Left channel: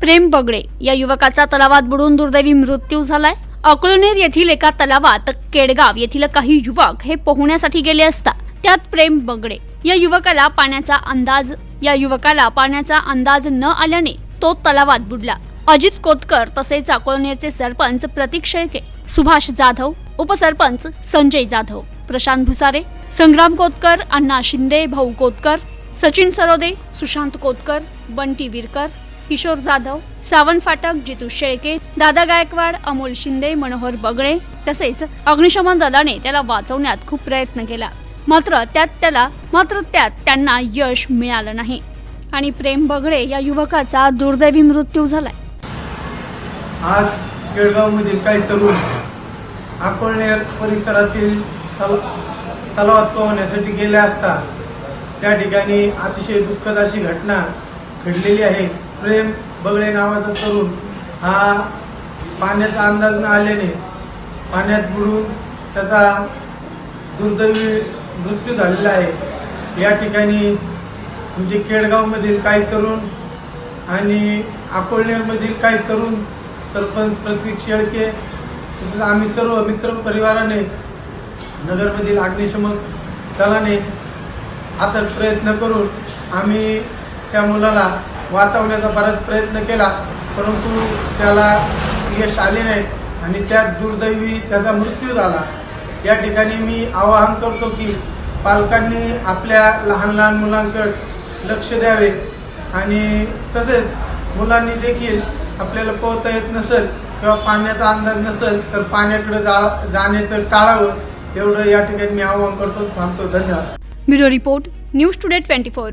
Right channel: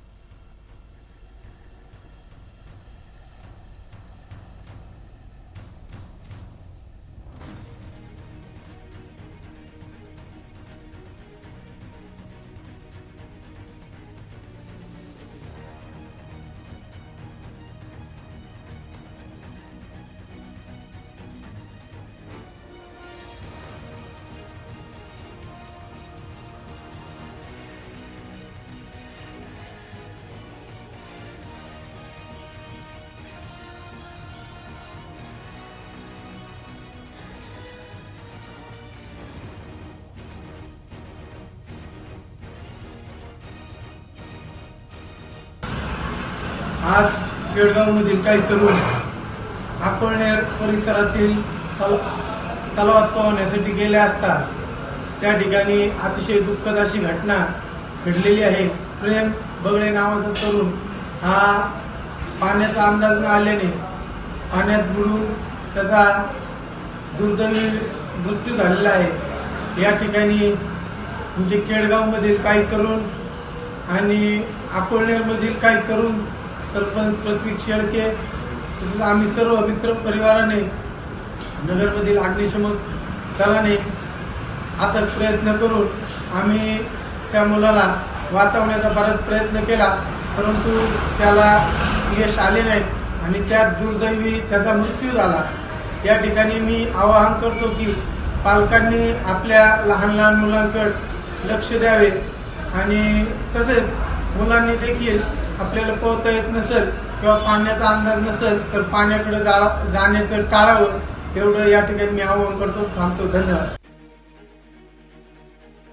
प्रेम बगडे या युवकाचा तलावात बुडून दुर्दैवी मृत्यू झालाय. अकोलनेर येथील एका तलावात केडगाव येथील काही युवक हे पोहण्यासाठी गेले असता त्यात प्रेम बगडे. या युवकाला पाण्याचा अंदाज या युवकाला पाण्याचा अंदाज न आल्याने तो तलावात बुडला. अजित कोतकर तसेच अकोलनेरचे सरपंच प्रतीक शेळके सुभाष जाधव उपसरपंच संजय जाधव प्रशांत भुसारे संग्राम कोतकर अण्णा शिंदे भाऊ कोतकर सचिन सरोदे सुशांत कोतकर बंटी विरकर किशोर जाधव सावंत फाटक जितू शेळके दादा गायकवाड अमोल शिंदे मनोहर बगळे तसेच अग्निशमन दलाने त्याला वाचवण्यात खूप प्रयत्न केला. मात्र त्यात त्याला मात्र त्यात त्यांना यश मिळालं नाही. आणि प्रेम बगळे या युवकाचा दुर्दैवी मृत्यू झालाय. आज केळगावमधील काही तरुण अकोळनेर परिसरातील तल तलावात पोहण्यासाठी गेले असता त्या ठिकाणी अतिशय दुःखद अशी घटना घडलेली आहे. प्रेम बगळे नावाचा तरुण. हा पाण्याचा अंदाज न आल्याने पाण्यात बुडून त्याचा दुर्दैवी मृत्यू झालेला आहे. या ठिकाणी म्हणजे केडगावमधील काही तरुण आणि अकोळनेरमधील काही तरुण सरपंच प्रतीक शेळके तसेच आम्ही सर्व मित्र परिवाराने नगरमधील अग्निशमक दलाने अथक प्रयत्न करून आम्ही त्या मुलाला वाचवण्याचा बराच प्रयत्न केला परंतु त्याला यश आले नाही आणि त्यात दुर्दैवी त्याचा मृत्यू झाला. या ठिकाणी मी आवाहन करतो की पालकांनी आपल्या लहान लहान मुलांकडे लक्ष द्यावे आणि तसेच मुलांनी देखील आपल्याला पोहता येत नसेल किंवा पाण्याचा अंदाज नसेल तर पाण्याकडे जा जाण्याचं टाळावं एवढं या ठिकाणी मी आवाहन करतो. थांबतो. धन्यवाद. Bureau report news today twenty four.